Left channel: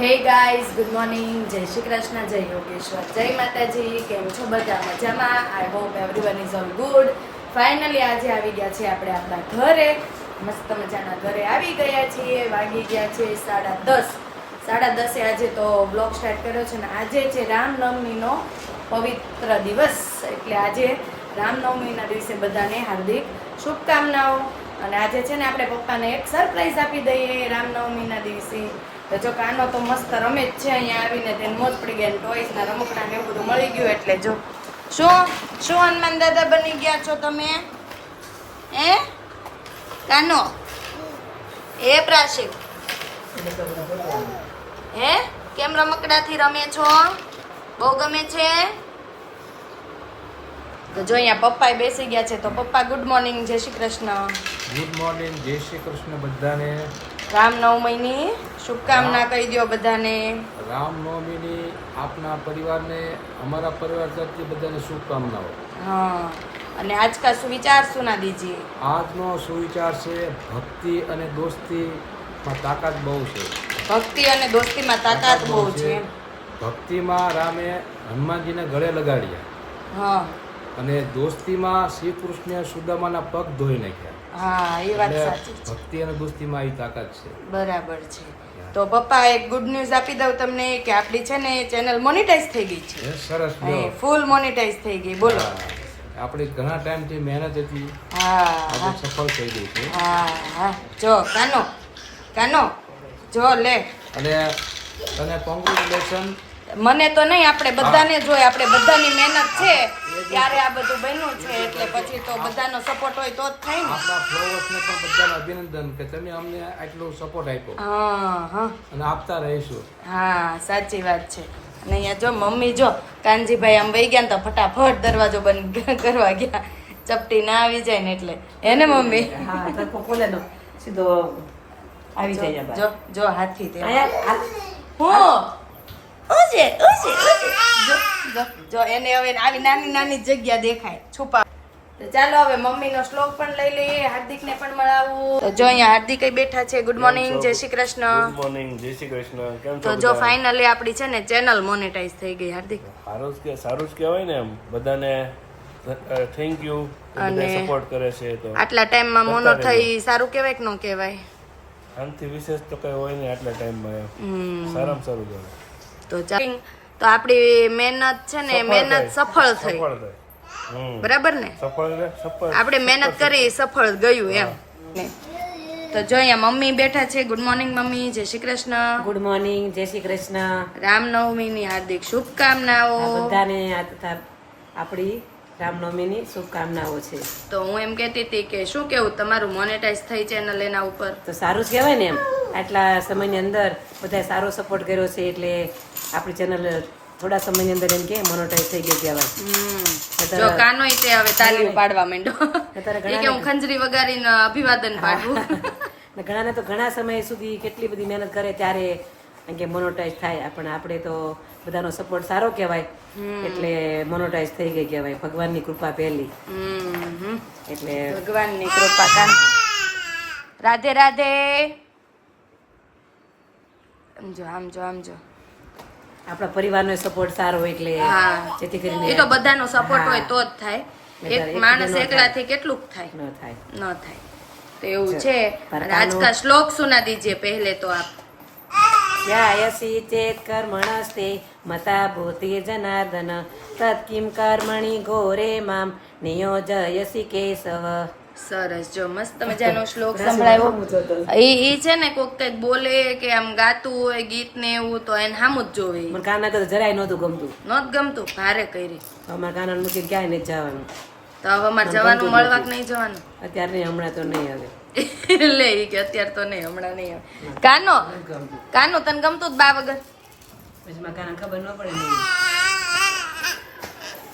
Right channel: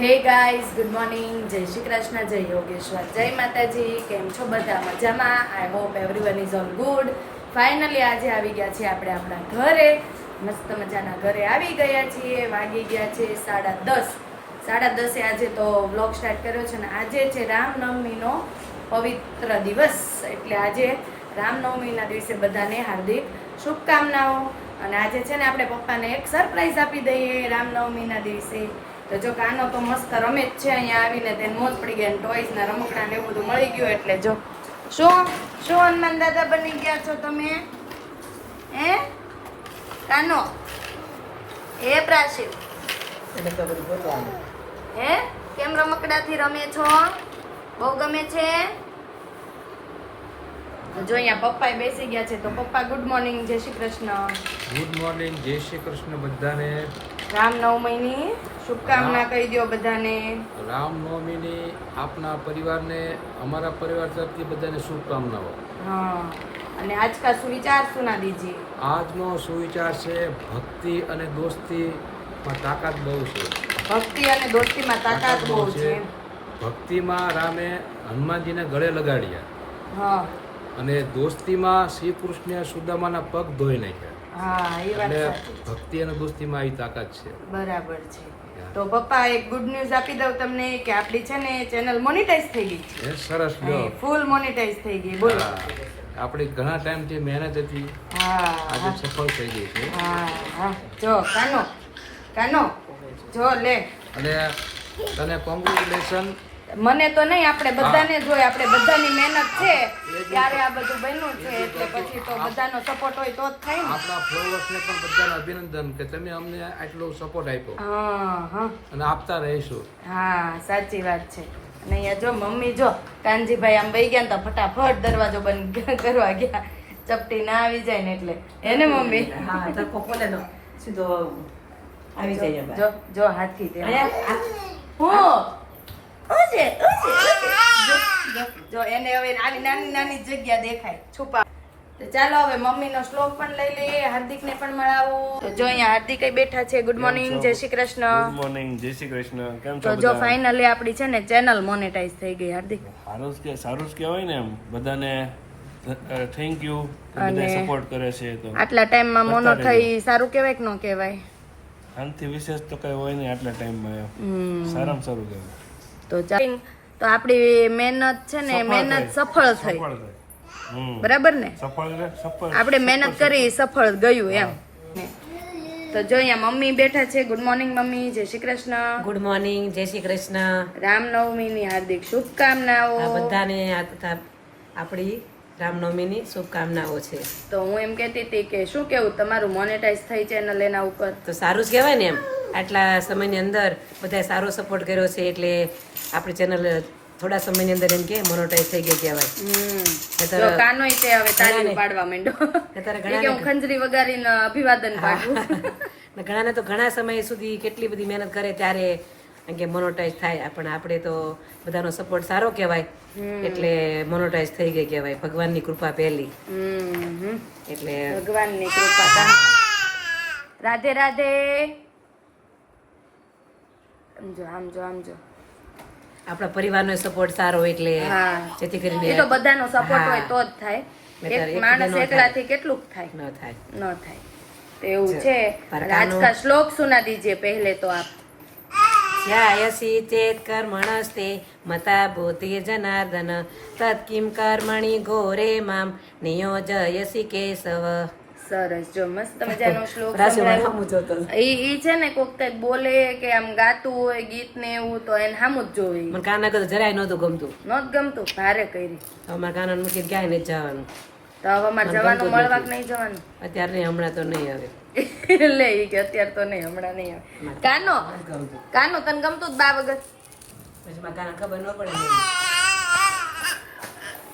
Hey guys, good morning. જય શ્રી કૃષ્ણ, જય યોગેશ્વર. જય માતાજી. કેમ છો બધા? મજામાં? I hope everyone is all good finally આજે આવી ગયા છે આપણે આપણા ઘરે. મસ્ત મજાના ઘરે આવી ગયા છીએ. વાગી ગયા છે સાડા દસ. સાડા દસે આજે તો વ્લોગ સ્ટાર્ટ કર્યો છે ને આજે છે રામનવમીનો પવિત્ર દિવસ. એટલે આજે રામનવમીના દિવસે બધાને હાર્દિક શુભકામનાઓ. અને આજે છે ને આપણે પપ્પાને એક સરપ્રાઈઝ આપી દઈએ રામનવમીના દિવસે. તો જો કાનો તો મસ્ત રમે જ છે અહીંયા આવીને, તેને મોજ પડી ગઈ ટોયસ ના રમકડા ને એવું બધું મળી ગયું એટલે જો. શું? શું હનુમાન દાદા બની ગયા છો તમે? હે? કાનો? એ પ્રાશિવ? હે? કેમ રમકડાથી રમે છો? બહુ ગમે છે? તો જો અહીંયા પપ્પા બેસી ગયા છે, તો પપ્પા ગુડ મોર્નિંગ જય શ્રી કૃષ્ણ. ગુડ મોર્નિંગ જય શ્રી કૃષ્ણ બધાને. રામનવમીની શુભકામના કહી દો બધાને. રામનવમીની આપના પરિવારને અમારા પરિવાર તરફથી બધાને શુભકામનાઓ. હા અને આજ કા સુવિચાર સુના દીજી? આજનો સુવિચાર છે ભક્તિ અને દોસ્તીમાં તાકાત બહુ છે. ભક્તિ અને દોસ્તીમાં તાકાત બહુ છે. ભક્તિમાં રામે હનુમાનજીને ગળે લગાડ્યા. હા. અને દોસ્તીમાં શ્રી કૃષ્ણે સુદામાના પગ ધોઈ નાખ્યા. હા એ વાત સાચી છે. ભક્તિ અને દોસ્તીમાં આવી તાકાત છે. બરાબર છે. તો પપ્પા એક ગુડ ન્યૂઝ આપી દઉં તમને કે આપણી છે ને ચેનલ મોનિટાઈઝ થઈ ગઈ છે. સરસ ફૂલ મોનિટાઈઝ થઈ ગઈ બોલો. આપણે આપણી ઘણા ટાઈમથી મહેનત હતી હા આજે સફળ થઈ ગઈ છે. હા હા. જો કાનો કાનો જો લે. અને તને કોંગ્રેચ્યુલેશન મને તો નહીં આપણે બધાને જોઈએ આપણે બધાની મહેનત છે ત્યારે આ બધું બન્યું છે એટલે પછી તો બધાનો સપોર્ટ હોય તો જ થાય ને. આપણા ફ્લોવર્સને પણ બધાને અભિનંદન કે તમે અમને આટલો સપોર્ટ આપ્યો. હા હા. અને આપતા રહીશું. હા સાચી વાત છે. અને અહીંયા જો મમ્મી જો કાનજીભાઈ આમ વહી ગયા ને તો ફટાફટ દરવાજો બંધ કરવા ગયા. ચપટી ના આવી જાય ને એટલે. એને મમ્મી? હા તો ખોલે લો સીધો આવી જાય જો જો હાથી. તે હું ઓજે ઓજે જો જો એને હવે આવી નાની નાની જગ્યા દેખાય. છુપા. તો ચાલો હવે મમ્મીનો શ્લોક પણ લઈ લઈએ હાર્દિકને પણ મળાવું. તો જો અહીંયા હાર્દિક બેઠા છે. ગુડ મોર્નિંગ જય શ્રી ગુડ મોર્નિંગ જય શ્રી કૃષ્ણ. કેમ તો જો ફાઇનલી આપણી છે ને ચેનલ મોનેટાઈઝ થઈ ગઈ હાર્દિક. સારું કે સારું જ કહેવાય ને એમ. બધાને થેન્ક યુ અને સપોર્ટ કરે છે તો. આટલા ટાઈમમાં મોનો થઈ સારું કહેવાય કે ન કહેવાય? આનાથી વિશેષ તો કઈ હોય નહીં આટલા ટાઈમમાં એમ. હમ. સારામાં સારું કહેવાય. તો તો આપણી મહેનત છે ને મહેનત સફળ થઈ. બરાબર ને? સફળ એટલે સફળ. આપણે મહેનત કરી સફળ ગયું એમ. તો જો અહીંયા મમ્મી બેઠા છે. Good morning mummy. જય શ્રી કૃષ્ણ. ગુડ મોર્નિંગ જય શ્રી કૃષ્ણ. રામનવમીની હાર્દિક શુભકામનાઓ. બધાને આપણી રામનવમીની શુભકામનાઓ છે. તો હું એમ કહેતી હતી કે શું કેવું? તમારું મોનેટાઈઝ થઈ ચેનલ એના ઉપર? તો સારું જ કહેવાય ને એમ. આટલા સમયની અંદર બધાએ સારો સપોર્ટ કર્યો છે એટલે આપણી ચેનલ થોડા સમયની અંદર એમ કે મોનોટાઈઝ થઈ ગઈ કહેવાય. જો કાનો તે હવે તાલીમ પાડવા માંડ્યો. કે હું ખંજરી વગાડીને અભિવાદન પાડું. ઘણાને તો ઘણા સમય સુધી કેટલી બધી મહેનત કરે ત્યારે એમ કે મોનોટાઈઝ થાય. પણ આપણે તો બધાનો સપોર્ટ સારો કહેવાય. એટલે મોનોટાઈઝ થઈ ગઈ કહેવાય. ભગવાનની કૃપા પહેલી. એટલે ભગવાનની કૃપા રાધે રાધે. જો આમ જો આમ જો આપણા પરિવારનો સપોર્ટ સારો હોય એટલે જેથી કરીને એ તો બધાનો સપોર્ટ હોય તો જ થાય. એક માણસ એકલાથી કેટલું થાય? ન થાય. ન થાય. તો એવું છે. આજ શ્લોક સુના દીજે પહેલે તો આપ. યાયસી ચેત કર્મણસ્તે મતા ભૂતિ જનાર્દન. તત્કિમ કર્મણી ઘોરે મામ. નિયોજયસી કેશવ. સરસ જો મસ્ત મજાનો શ્લોક સંભળાવ્યો ઈ એ છે ને કોક કંઈક બોલે કે આમ ગાતું હોય ગીત ને એવું તો એને સામું જ જોવે. મને કાના તો જરાય નહોતું ગમતું. નોત ગમતું ભારે કરી. તો અમારા કાના મૂકી ક્યાંય નહીં જવાનું. તો હવે અમારે જવાનું મળવા કે નહીં જવાનું. અત્યારે નહીં હમણાં તો નહીં આવે. લે એ કે અત્યારે તો નહીં હમણાં નહીં આવે. કાનો? કાનો તને ગમતું જ બા વગર? કાનો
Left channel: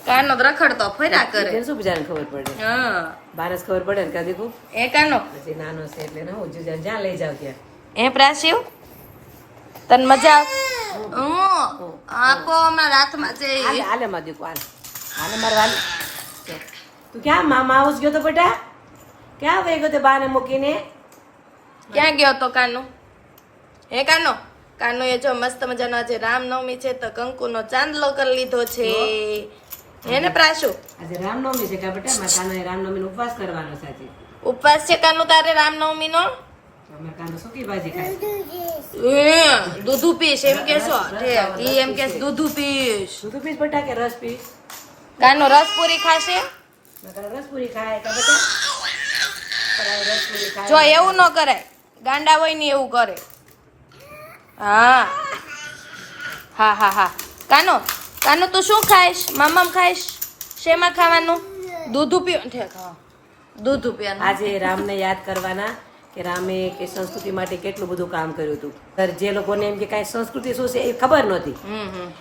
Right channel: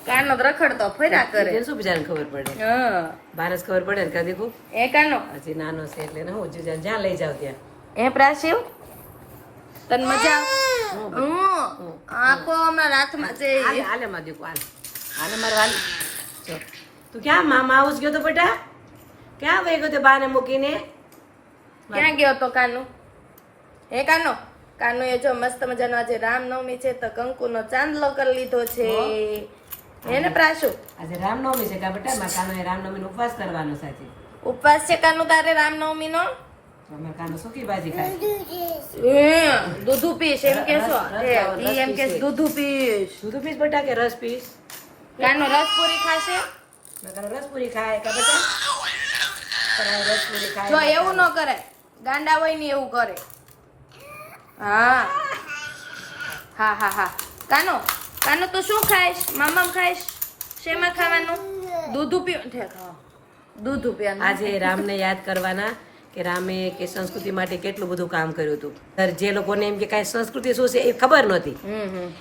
તો રખડતો ફર્યા કરે. શું બિચારાને ખબર પડે? હા. બારસ ખબર પડે ને કદી કુ એ કાનો હજી નાનો છે એટલે હું જ્યાં જ્યાં લઈ જાવ ત્યાં. એ પ્રાસીવ તને મજા હું. આપો અમારા હાથમાં છે હાલે હાલે માં દીકુ હાલે. હાલે મારે હાલે તું ક્યાં મામા હાઉસ ગયો તો બેટા? ક્યાં વહી ગયો તે બાને મૂકીને? ક્યાં ગયો તો કાનો? એ કાનો? કાનો એ જો મસ્ત મજાનો આજે રામનવમી છે તો કંકુનો ચાંદલો કરી લીધો છે. હે ને પ્રાશુ આજે રામનવમી છે કાબટા માં કાનો રામનવમી ઉપવાસ કરવાનો છે આજે ઉપવાસ છે કાનો તારે રામનવમી નો અમે કાનો સુકી ભાજી ખાય. દૂધું પીશ એમ કેશો ઈ એમ કે દૂધું પીશ. દૂધ પીસ બટા કે રસ પીસ કાનો રસ પૂરી ખાશે? રસ પૂરી ખાય રસ જો એવું ન કરે. ગાંડા હોય ને એવું કરે. હા. હા હા હા. કાનો કાનો તું શું ખાઈશ? મામામ ખાઈશ? શેમાં ખાવાનું? દૂધ પી ઠેક હા. પીવાનું આજે રામને યાદ કરવાના કે રામે કે સંસ્કૃતિ માટે કેટલું બધું કામ કર્યું હતું. સર જે લોકોને એમ કે કાંઈ સંસ્કૃતિ શું છે એ ખબર નહોતી.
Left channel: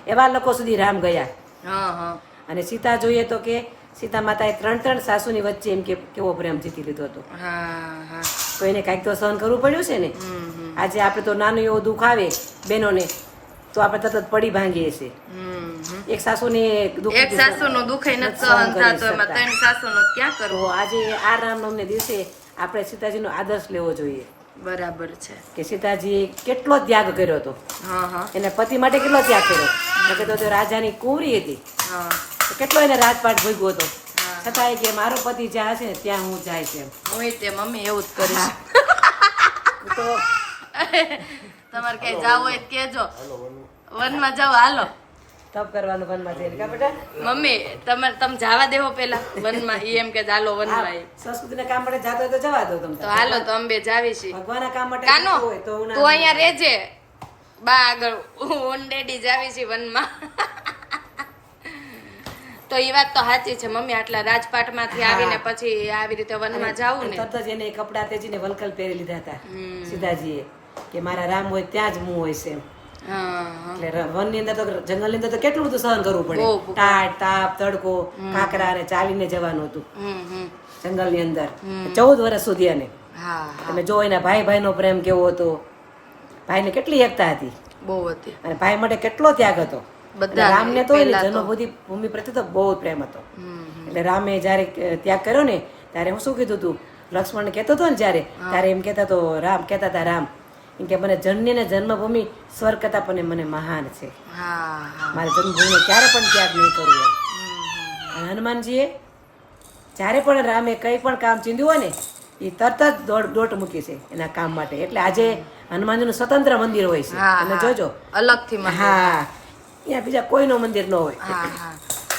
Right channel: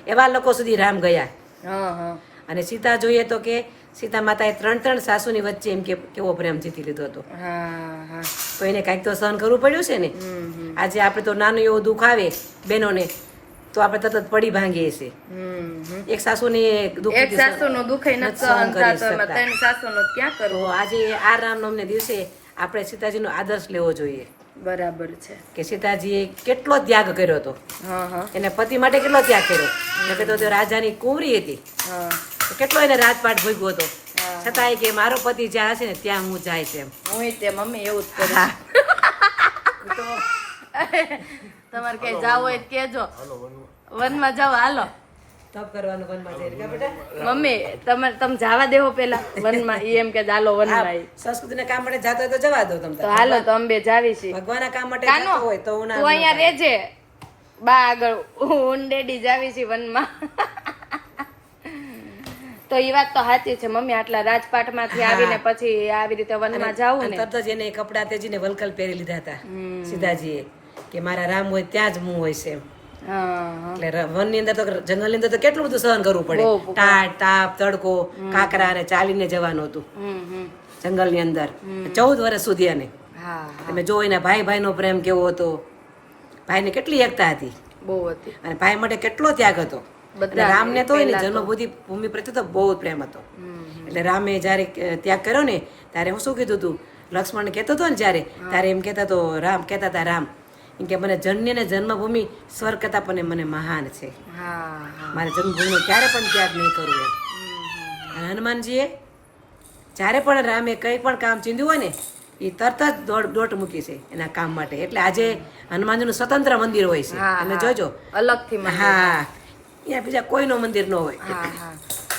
એવા લોકો સુધી રામ ગયા. અને સીતા જોઈએ તો કે સીતા માતાએ ત્રણ ત્રણ સાસુની વચ્ચે એમ કે કેવો પ્રેમ જીતી લીધો હતો. હા હા. તો એને કાંઈક તો સહન કરવું પડ્યું છે ને. આજે આપણે તો નાનું એવું દુઃખ આવે બહેનોને તો આપણે તરત પડી ભાંગીએ છીએ. એક સાસુની એક સાસુ નું દુઃખ નથી સહન થતો એમાં ત્રણ સાસુ નું ક્યાં કરવું? આજે આ રામનવમને દિવસે આપણે સીતાજીનો આદર્શ લેવો જોઈએ. બરાબર છે. કે સીતાજીએ કેટલો ત્યાગ કર્યો હતો. એને પતિ માટે કેટલો ત્યાગ કર્યો? નકર તો રાજાની કુંવરી હતી. કેટલો એને રાજપાટ ભોગ્યો હતો. છતાંય કે મારો પતિ જ્યાં હશે ને ત્યાં હું જાય છે એમ હું તે મમ્મી એવું જ કરીશ. તો તમારે ક્યાંય જાવ હોય તો કેજો વનમાં. જાવ હાલો. તપ કરવાનું વનમાં જઈને બેટા? મમ્મી તમે તમે જવા દેવો પેલા વનમાં ઈ એમ કે હાલો આ સંસ્કૃતિ સંસ્કૃતિના કામ માટે જાતો તો જવા દો તમે તો હાલો તો અંબે જાવી છીએ ભગવાનના કામ માટે કાનો હોય તો તું અહીંયા રેજે બા આગળ હું ડેડી જાવી છીએ વનમાં. તો એ વાત તો સાચી છે મમ્મી આટલા રાજપાટમાંથી આવીને પછી આવી રીતે વનમાં જાવું ને. તરત જ એને કપડા તેજીને વલકલ પહેરી લીધા હતા સીતાજીએ. કે મારા રામ હોય ત્યાં જ હું હોય છે એટલે વનની અંદર તો જંગલની અંદર તો કેટલું બધું સહન કરવું પડે. ટાટ તાપ તડકો કાકરા અને ચાલીને જવાનું હતું. જંગલની અંદર. ચૌદ વર્ષ સુધી અને તમે જો એના ભાઈ ભાઈનો પ્રેમ કેવો હતો ભાઈને કેટલી એકતા હતી. બહુ હતી. અને ભાઈ માટે કેટલો ત્યાગ હતો. બધા રામને તો એની પહેલા તો. જન્મભૂમિ ભૂમિ પ્રત્યે તો બહુ પ્રેમ હતો. એટલે રામે જયારે ત્યાગ કર્યો ને ત્યારે હું શું કીધું તું? લક્ષ્મણ કેતો હતો ને જયારે ત્યારે એમ કેતા તો રામ કેતા હતા રામ કે મને જન્મ ને જન્મભૂમિ સ્વર્ગ કરતા પણ મને મહાન છે. મારે જન્મભૂમિનો ક્યારે પણ ત્યાગ નહીં કરવું એમ. હનુમાનજીએ જ્યારે પણ રામે કંઈ પણ કામ ચીંધ્યું હોય ને એ તરત જ દોડ દોટ મૂકી છે એના કામ માટે. એટલે આજે હનુમાનજીનું સ્વતંત્ર મંદિર હોય છે. તમે જોજો. અલગથી થી હા. ત્યાં બીજા કોઈનો મંદિર ન હોય.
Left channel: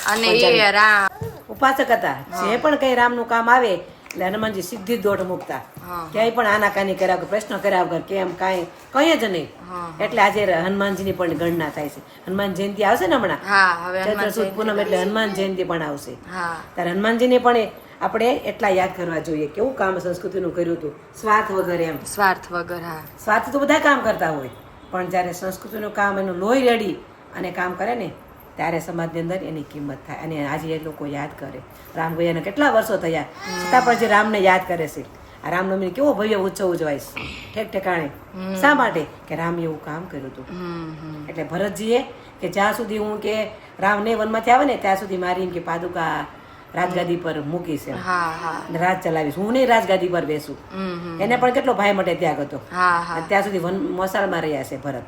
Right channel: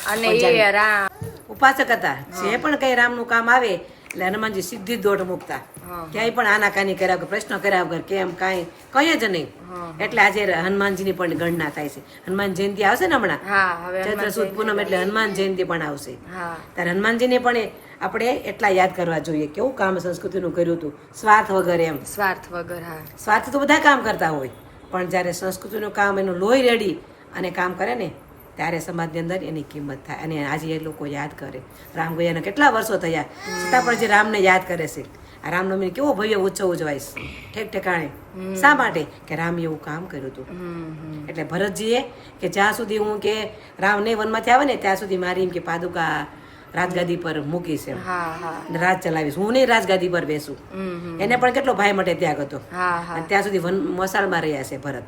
અને ઉપાસક હતા. જે પણ કઈ રામનું કામ આવે એટલે હનુમાનજી સીધી દોઢ મૂકતા. ક્યાંય પણ આનાકાની કર્યા વગર પ્રશ્ન કર્યા વગર કેમ કાંઈ કઈ જ નહીં. એટલે આજે હનુમાનજીની પણ ગણના થાય છે. હનુમાન જયંતિ આવશે ને હમણાં? સુદ પૂનમ એટલે હનુમાન જયંતિ પણ આવશે. ત્યારે ત્યારે હનુમાનજીને પણ આપણે એટલા યાદ કરવા જોઈએ કેવું કામ સંસ્કૃતિનું કર્યું હતું. સ્વાર્થ વગર એમ. સ્વાર્થ વગર હા. સ્વાર્થ તો બધા કામ કરતા હોય. પણ જ્યારે સંસ્કૃતિનું કામ એનું લોહી રેડી અને કામ કરે ને ત્યારે સમાજની અંદર એની કિંમત થાય. અને આજે એ લોકો યાદ કરે. રામ ગયાને કેટલા વર્ષો થયા. છતાં પણ જે રામને યાદ કરે છે આ રામનવમી કેવો ભવ્ય ઉત્સવ ઉજવાય છે. ઠેક ઠેકાણે. શા માટે? કે રામ એવું કામ કર્યું હતું. એટલે ભરતજીએ કે જ્યાં સુધી હું કે રામ ને વનમાંથી આવે ને ત્યાં સુધી મારી એમ કે પાદુકા રાજગાદી પર મૂકીશ એમ. રાજ ચલાવીશ. હું નહીં રાજગાદી પર બેસું. એને પણ કેટલો ભાઈ માટે ત્યાગ હતો. ત્યાં સુધી વન મસાલમાં રહ્યા છે ભરત.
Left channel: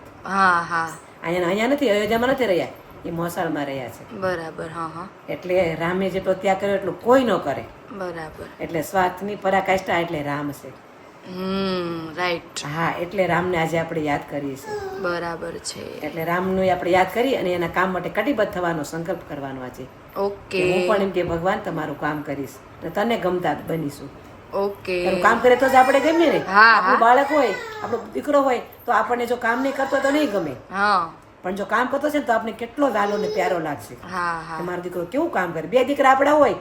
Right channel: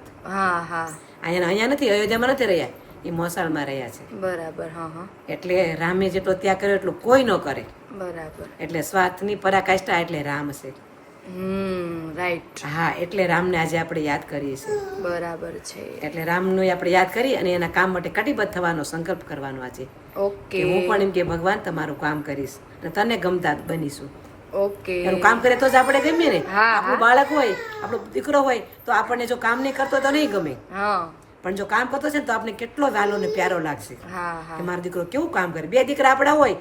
અહીંયા નથી અયોધ્યામાં નથી રહ્યા. એ મોસાળમાં રહ્યા છે. બરાબર હા હા. એટલે રામે જેટલો ત્યાગ કર્યો એટલું કોઈ ન કરે. બરાબર. એટલે સ્વાર્થની પરાકાષ્ઠા એટલે રામ છે. રાઈટ. હા એટલે રામને આજે આપણે યાદ કરીએ છીએ. બરાબર છે. એટલે રામનું આપણે યાદ કરી અને એના કામ માટે કટિબદ્ધ થવાનો સંકલ્પ કરવાનો આજે. ઓકે. હું પણ એમ કે ભગવાન તમારું કામ કરીશ અને તને ગમતા બનીશું. ઓકે. એનું કામ કરે તો જ આપણે ગમે ને. આપણું બાળક હોય આપણો દીકરો હોય તો આપણને જો કામ નહીં કરતો તો નહીં ગમે. હા. પણ જો કામ કરતો છે ને તો આપણે કેટલો વાલો ને પ્યારો લાગશે. કે મારો દીકરો કેવું કામ કરે? બે દીકરા આપણા હોય.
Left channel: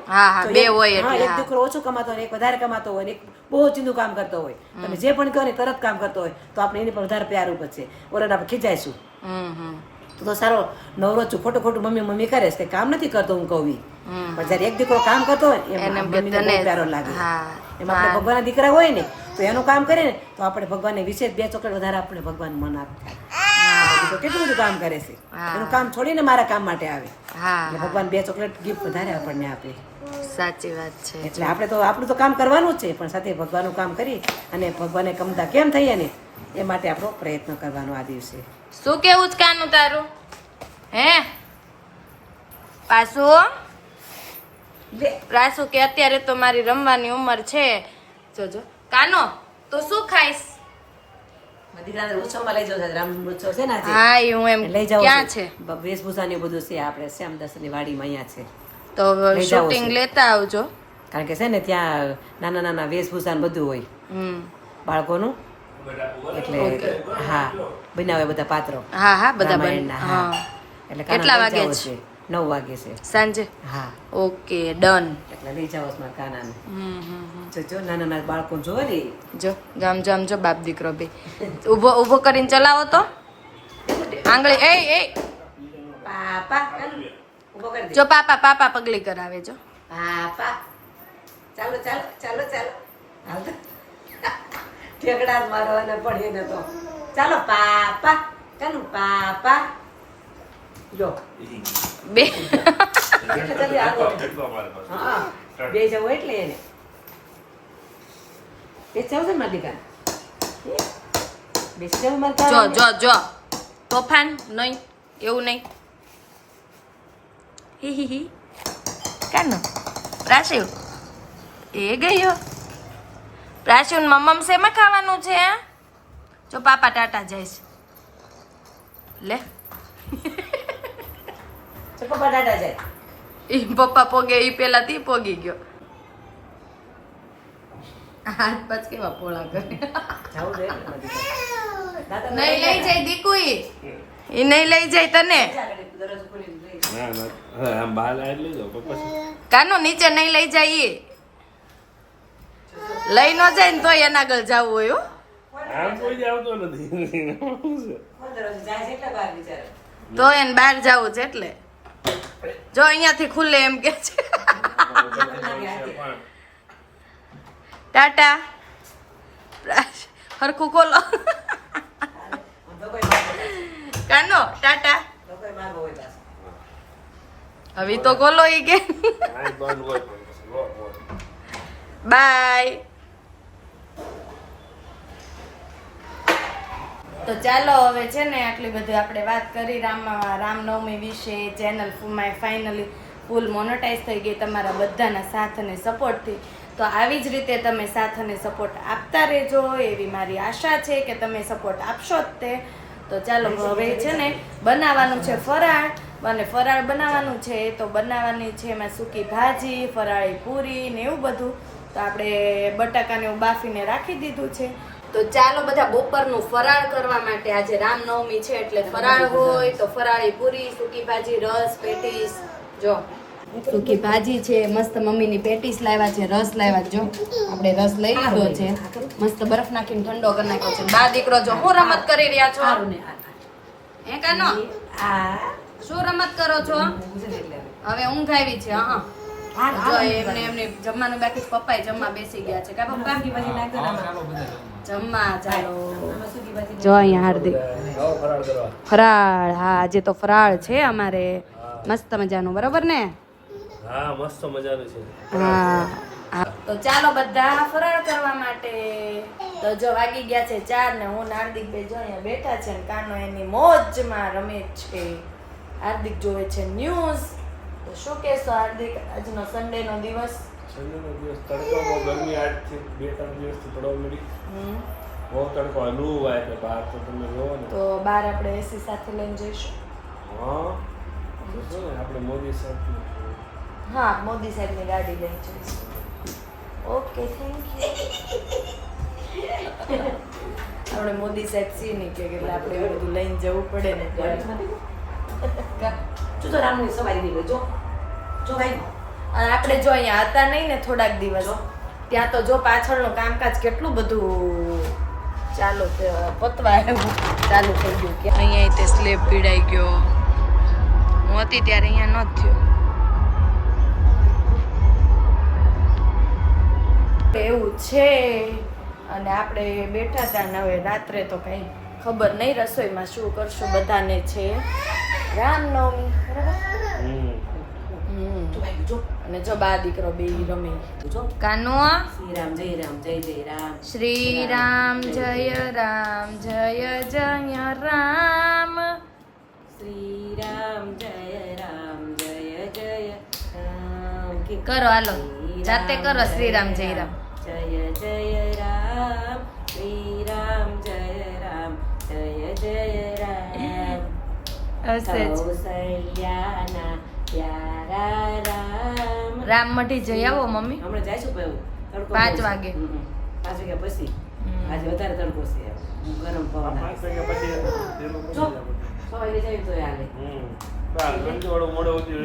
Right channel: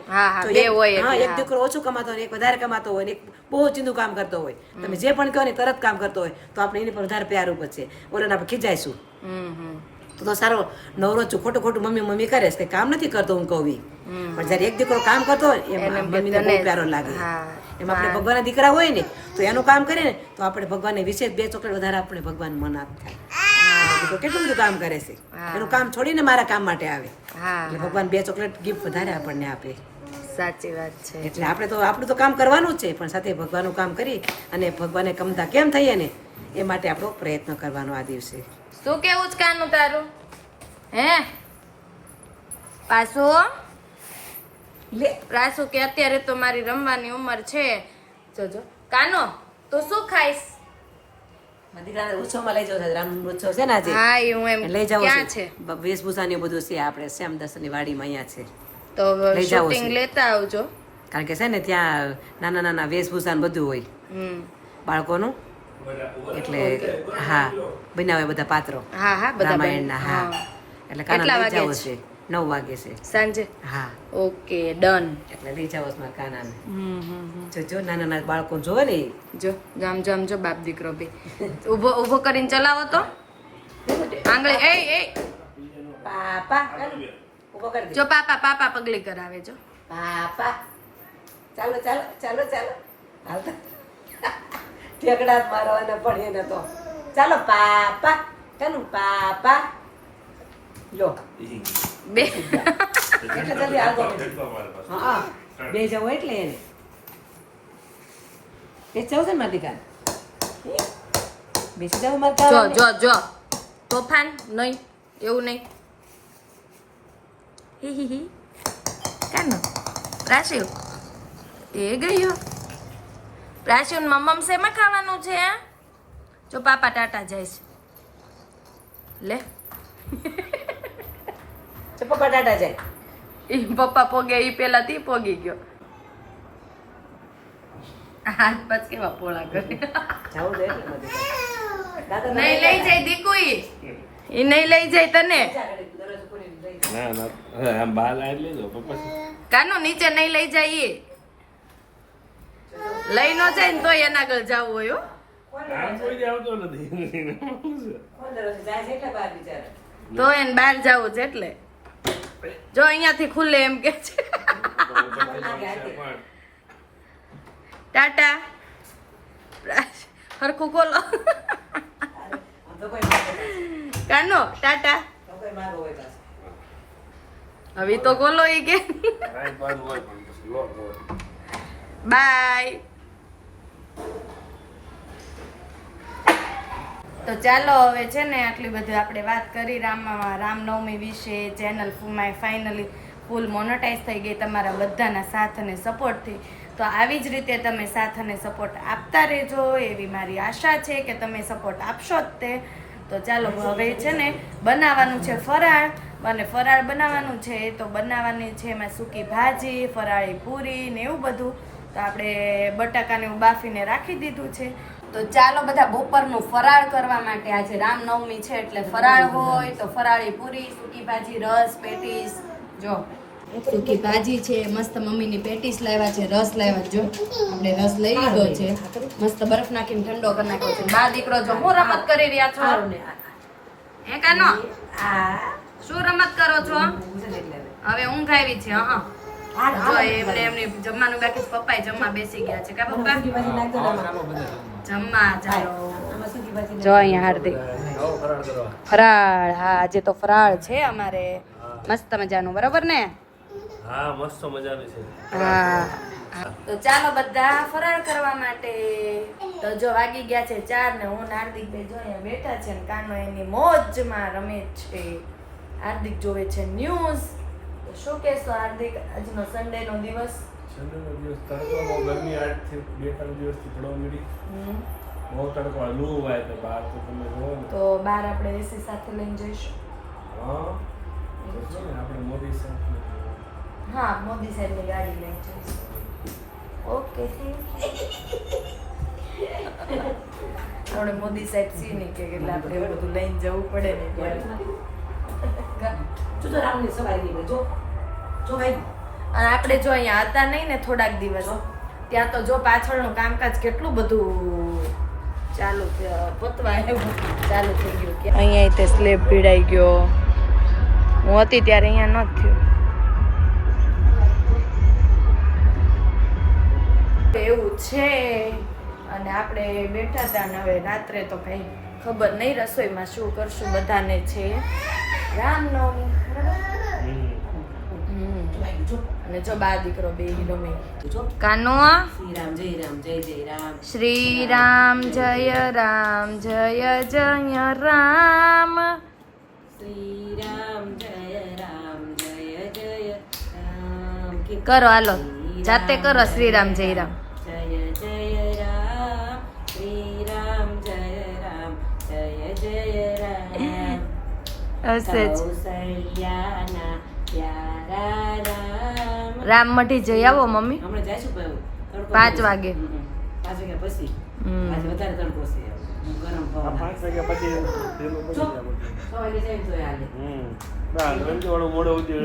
તો બે હોય હા, એક દીકરો ઓછું કમાતો હોય એક વધારે કમાતો હોય એક બહુ ચીંદું કામ કરતો હોય. તમે જે પણ કહો ને તરત કામ કરતો હોય તો આપણે એને પણ વધારે પ્યારું ઉપર ઓલા આપણે ખીજાઈશું. તો સારો નવરો છું ખોટું ખોટું મમ્મી મમ્મી કરે છે કે કામ નથી કરતો હું કહું પણ જયારે એક દીકરો કામ કરતો હોય એમ મમ્મીને બહુ પ્યારો લાગે. એમાં આપણે ભગવાનના દીકરા હોય ને તો એનું કામ કરે ને તો આપણે ભગવાનને વિશેષ બે ચોકલેટ વધારે આપણે ભગવાન મન આપ દીકરો કેટલું બધું કામ કરે છે. એનું કામ છોડીને મારા કામ માટે આવે. એટલે ભગવાન બે ચોકલેટ ગિફ્ટ વધારે આપણને આપે. સાચી વાત છે. એટલે આપણે તો આપણું તો કામ કરવાનું જ છે પણ સાથે ભગવાનનું કામ કરી અને ભગવાને કમતા કેમ થઈએ ને એ માટે આપણો પ્રયત્ન કરવાનો આ દિવસે. શું કેવું છે કાનું તારું? હે? પાછું? લે રાસુ કે અત્યારે તો મારી રમવાની ઉંમર છે. જોજો. કાનો તું શું ખાઈશ? કારણ કે છે ને ત્યાં નાના નાના વેશભૂષા બધું હોય. બાળકોનું? એટલે હા બનાવે બધા પાત્રો. હા હા બધા હા. એટલે કેટલા વાગે છે. નવ વાગે છે. સાંજે? હા. Okay done. એટલે લઈ જાઓ મારા કાનાને. હમ હમ. જો જો નાના નાના બાળકો જોવે ને જો જામ જામ જો બાપ દીકરો બે. ઊભો ઊભો કરીને ચલાવો તો. આંગળી એ એ. પાપા જો પાપા પાપા પગલી કરાવે જો. પાપા. ચાલો ચાલો ચાલો ચાલો. ઠેકડા મારવાના પડીએ ને તો. ચાલો પાપા. ચાલો પાપા. જો બે બે જવું એટલે એને એ ચૌદ દીકરા મારે જો જો જો તોફાન નહીં એવું નહીં હી હી હી કાનો પ્રાશિવ એ ગયો પ્રાશિવ મમ્મમ શેમાં ખાવાનું છે? જો પાપા ટાટા જાય છે લે જાય. ઈ પપ્પા પોગે ઈ પેલા થી પોગી ગયો. હાથ પછ કેવા પોળા કરે. નહીં લઈ જાય દીકુ એ ઈ નહીં લઈ જાય તને. દરરોજ પૂરી લઈ ના ના આમ બહાર લાવી લેજો પપ્પા કાનો નીચે નહીં લઈ જાય ઈ. લઈ ન જાય ને તોય એના આગળ જવું હોય. આમ કોઈ નથી. તો એને બહાર જવું છે એટલે. જો અહીંયાથી ખુલ્લે એમ કે છે. ટાટા. હરખું ખોલો. કાનો ટાટા. હવે તો ખોલો ઈ કે. બાય તો ચાલો હવે છે ને આટલી બધી આપણે વાત કરી. રામ રામનવમી વિશે channel my finally full monetize થઈ ગઈ તમારા બધાના સાથ અને સપોર્ટથી તો આવી જ રીતે તમે સાથ અને સપોર્ટ આપતા રહેજો. એવી મારી આશા છે કે તમે સપોર્ટ આપશો જ તે. તો ચાલો હવે છે ને બનાવવાનું છે ફરાળ. અને ફરાળ બનાવવાનું છે તો બનાવવાની છે એમાં સૂકી ભાજી, ફરાળી પૂરી ને એવું બધું. તો આપણે બટાકાને એવું બાફીને રાખી દીધું છે. તો ચાલો બધા બપોરનું ફરાળ કરવા માટે આજે રામનવમી છે એટલે ફરાળ હોય તો ફરાળી પૂરી સૂકી ભાજી રસ પેટીસ. જો. સૂકી ભાજી છે મસ્ત મમ્મીની પેટીસ લાવ્યા છે રસ લાવ્યા જો આપણે રસ લઈ લીધો છે. મસ્ત બરફ નાખીને ઠંડો કરી નાખ્યો છે. બા દીકરો જો હું રમત કરી રહ્યા છો? હે કાનો? શું રમત કરો છો. હવે ઊંઘ આવી છે હા. એમને એમને જમવાનું બાકી. પપ્પાએ જમવા બેસી ગયા છે. કા પપ્પા? જમવા ચાલો જો અહીંયા હાર્દિક. ફરાળ હા આજે તો ફરાળ છે અમારે. મસ્ત મજાનું બરોબર ને? હા મસ્ત મજાનું છે. હા. હા. તો ચાલો બધા ફરાળ કરવા માટે. તો જો વાગી ગયા છે ચાર ને હું હાર્દિક ભાઈ જો અહીંયા બેઠા છે ને કાનો એની મોજમાં રમે છે. હાર્દિક જોવે છે ન્યૂઝ. તો શું કહેશો હાર્દિક? આજનો સન્ડે નો દિવસ? સન્ડેનો દિવસ તડકો બહુ ગરમી આજથી બે ત્રણ દિવસથી પડવા મળી હમ. બહુ તડકો હલવું હોય તો બહાર તો તમે જોવો ને. તો બહાર આપણે એસી સાથે લઈને જઈશું? હા. જઈશું ને આપણે મોદી સાહેબ હા મોદી સાહેબની ગાડી લઈને જઈશું. ઓકે થેન્ક યુ આપણે મોદી સાહેબ સી કે એટલે આપણે એવું બધું લઈને જવું પડે ને ત્યારે. જો તો રામની સવાઈ ની જો જો ભાઈ. અને આપણે જો અહીંયા હતા નહીં ને થોડાક દિવસ ત્યાં તો જો પાછળનું કામકાજ કેટલું બધું ચાલુ પતવા ચાલુ થઈ ગયું કે. અહીંયા તે સ્લેબ પીડાઈ ગયો. હું હતી ત્યારે અહીંયા ન થયો. એવું છે અને આપણે બેઠા હતા ને હવે રાત્રે તો કઈ ખબર નહીં રસોઈમાં શું કરશું બધાને છે. રામનવમી બરાબર? અને જો બા દીકરો બે રમે. કાનો શ્રી રામ જય રામ જય જય રામ. શ્રી રામ જય રામ. જય જય રામ. શ્રી રામ જય રામ જય જય રામ. કરો હાલો. જાતે કરો શ્રી રામ જય રામ. જય જય રામ. શ્રી રામ જય રામ જય જય રામ. હશે પ્યારા રામ મઠી જઈ આવો મમ્મી. હમણાં જઈશું ભાઈ પાંચ વાગે. પાંચ વાગ્યા પછી. આજે વધારે તડકો છે. હું ગરમ પવન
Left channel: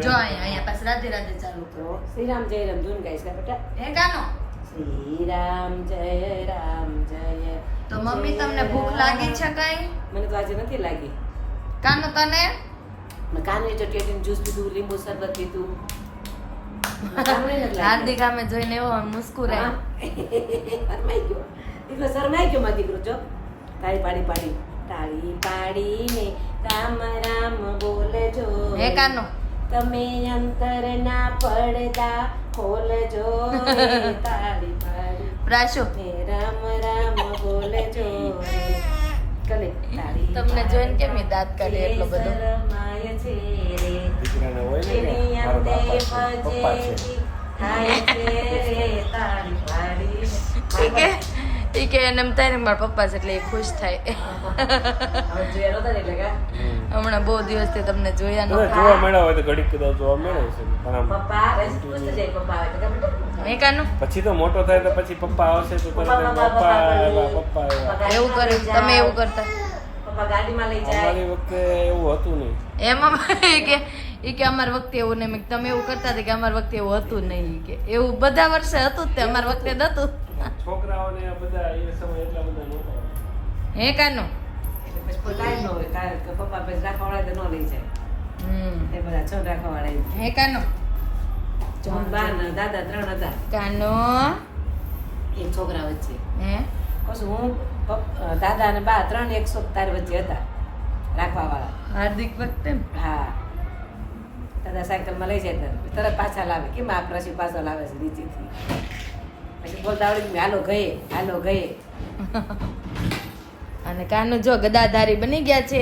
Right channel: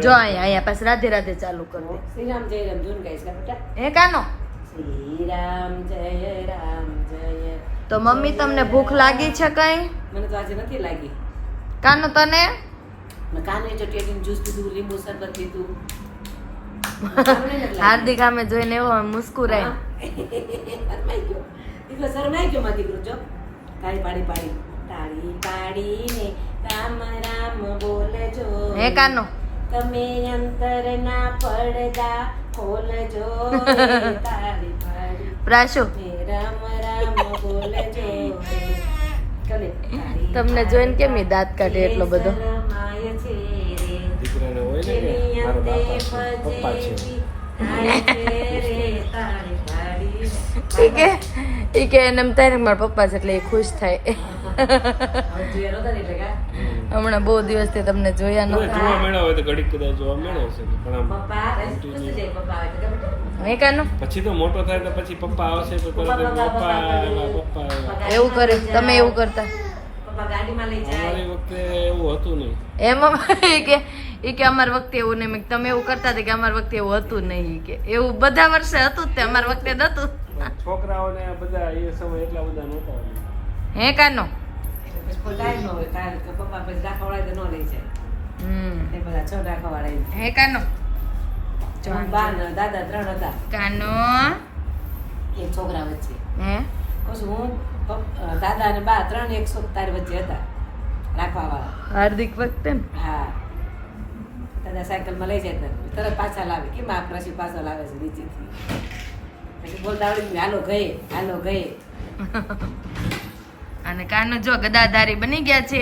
જો અહીંયા અહીંયા રાધે રાધે ચાલુ કરો. શ્રી રામ જય રામ ધૂન ગાઈશ કા બેટા હે કાનો શ્રી રામ જય રામ જય તો મમ્મી તમને ભૂખ લાગી છે કઈ? મને તો આજે નથી લાગી. કાનો તને? મેં કાનો ચટિયાટીનું જ્યુસ પીધું લીંબુ શરબત પીધું. હાર્દિક આમે જોઈને એવો મુસ્કુરાય. શરમાઈ ગયો. દીકરો શરમાઈ ગયો મારો દીકરો જો. તાળી પાડી પાડી. તાળી પાડીને રામ રામ બોલજો. હે કાનો? તમે અંતરના પડદા ખોલજો. તાળી પાડી. પ્રાશો? હે રામ રામ બોલજો. કલે તમને જોઈને કેમ દાંત કાઢે એટલો બધો. દીકરાને હોય ને કે મારા બાપા છે પપ્પા છે. ઈ કે એને એમ મારા પપ્પા છે એટલે એ ખુશ થાય. હમણાં બહુ દિવસથી તમને જોયા ન જોવા મળ્યા હોય તો ઘડીક કદાચ જોવા મળે છે પણ આમ continue. પછી તો મોટો થાય તો પછી પપ્પા આવશે તો તરત પપ્પા પપ્પા એવું કર્યું તમે એવું કરતા? અમારી વખતે એવું હતું નહીં. એમાં કે એ કે અમાર વખતે એવું નહીં. મેં તમે એવું કરતા હતા કે અમાર વખતે એવું હતું નહીં. કે એવું બધા વર્ષે હતું જ તે અમાર વખતે નતું છોકરાઓને બધા એ સમય એટલા બધા નહોતા. હે કાનો? પપ્પા પછી રાખવાવાળા તો ન લઈ જાય. હમ. એ બધા છ રાખવાવાળા હે કાનો? દાદા ત્રણ હતા. કાનો? એ છોકરા વચ્ચે. હે? કશું હું દાદા અને બા ત્રણ એકસો તાર વચ્ચે હતા રાખવા વાળા હાર્દિક વખતે હા. દાદા સાયકલમાં લઈ જાય તરત પાછા લાવે. કેમ આ પ્રસી પાછા લાવે છે નીચેથી? પછી બોલતા આવડી ગયું, હાલો ગયે હાલો ગયે. અને કાનો જો ગદાધારી બની ગયા છે.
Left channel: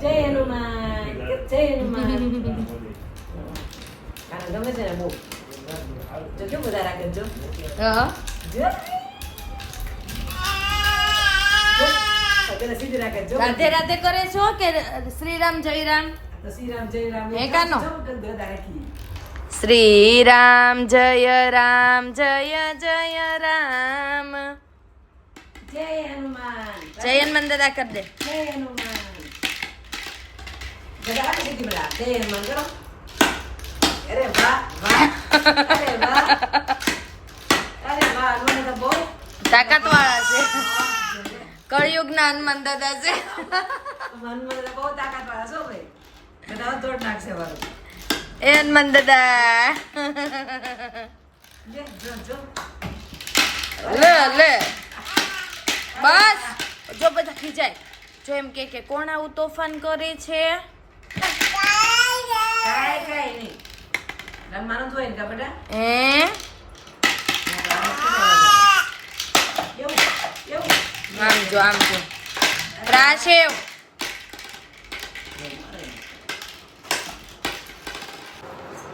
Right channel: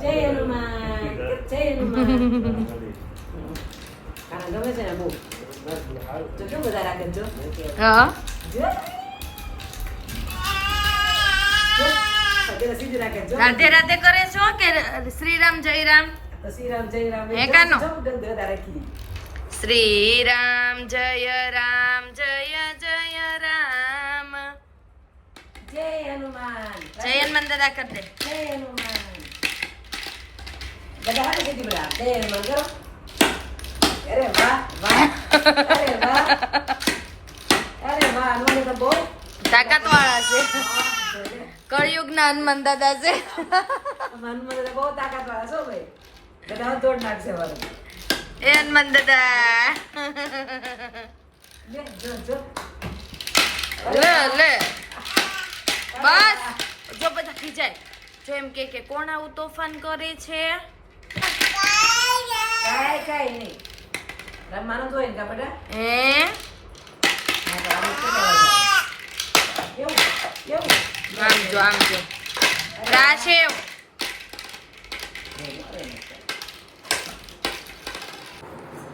જય હનુમાન. જય હનુમાન. હા. રાધે રાધે કરે છો કે શ્રીરામ જય રામ શ્રી રામ જય રામ જય જય રામ જય હનુમાન જય હનુમાન દાદા કર દે હનુમાન બધા જય હનુમાન તાકાત વાળા છે. કળિયુગ ના હનુમાન દાદા છે. એ હનુમાન દાદા. લે, લે. બસ. જો બધા ખીજાય. જો એમ કે કે કોણ આવું તોફાન કરે છે? કાંઈ કાંઈ નહીં. આમ જો આમ જો રાશેવ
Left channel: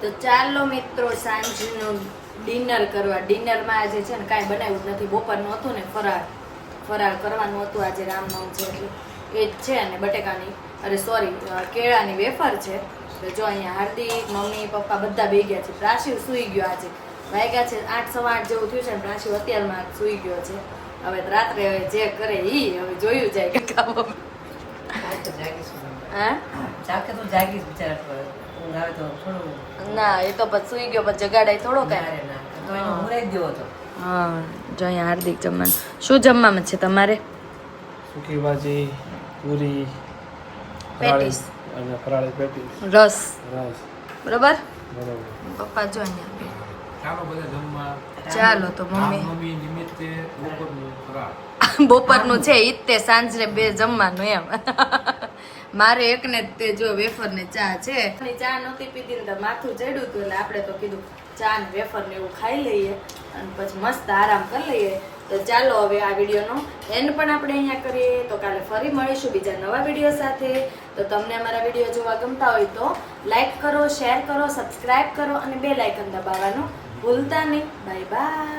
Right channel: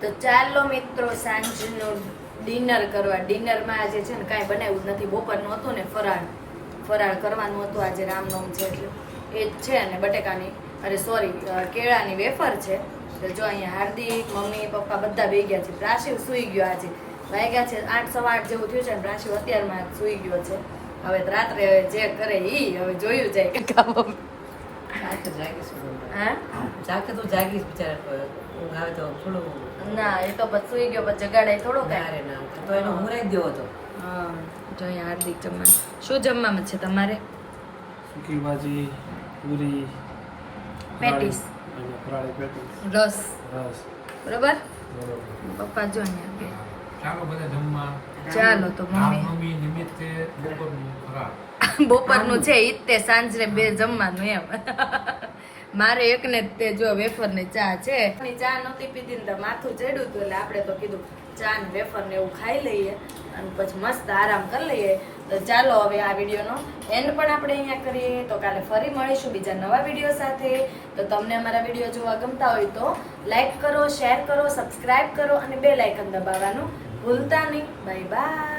તો ચાલો મિત્રો સાંજનું ડિનર કરવા. ડિનરમાં આજે છે ને કાંઈ બનાવ્યું જ નથી. બપોરનું હતું ને ફરાળ. ફરાળ કરવાનું હતું આજે રામનવમ છે એટલે. એ જ છે અને બટેકાની. અરે સોરી કેળાની વેફર છે. તો જો અહીંયા હાર્દિક મમ્મી પપ્પા બધા બે ગયા છે. પ્રાશિવ સૂઈ ગયો આજે. વાગ્યા છે આઠ સવા આઠ જેવું થયું છે ને પ્રાશિવ અત્યારમાં સૂઈ ગયો છે. હવે રાત્રે રાત્રે જે કરે એ હવે જોયું જાય. કે કામ તો જાગીશ હા જાગે તો જાગીશ બિચાર ઊંઘ આવે તો થોડું ના એ તો પછી સૂઈ ગયો પછી જગાડાય થોડો કાંઈ. ના તો એનો જ દેવો હતો હા જો અહીંયા હાર્દિક જમવાનું. શું જમવામાં છે તમારે? સૂકી ભાજી પૂરી પેટીસ. અને ફરાળી પેટીસ રસ. રસ. બરોબર? બરોબર. પપ્પા જો અહીંયા. ચાલો બધા જમવા. ચાલો તો મમ્મી. નિમિત્તે બપોરનું ફરાળ. બપોરનું છે ઈ જ તે સાંજે બે જમવાનું એમ. મારે એકને જ તે જો વેફર ને ચા છે. ની ચા નહોતી પીધી ને માથું ચડ્યું હતું એટલે આપણે તો કીધું ચા ને વેફર ને એવું ખાઈ લઈએ અને પછી મસ્ત આરામ કરી લઈએ. તો ચાલો હવે આ વિડીયોનો એન્ડ પણ આપણે અહીંયા કરીએ. તો કાલે ફરી મળીશું બીજા નવા વીડિયો સાથે. તો તમને અમારા વીડિયો જોવા ગમતા હોય તો લાઇક કરો શેર કરો સબસ્ક્રાઈબ કરો અને બે લાઇકન દબાવવાનું ભૂલતા નહીં. Bye bye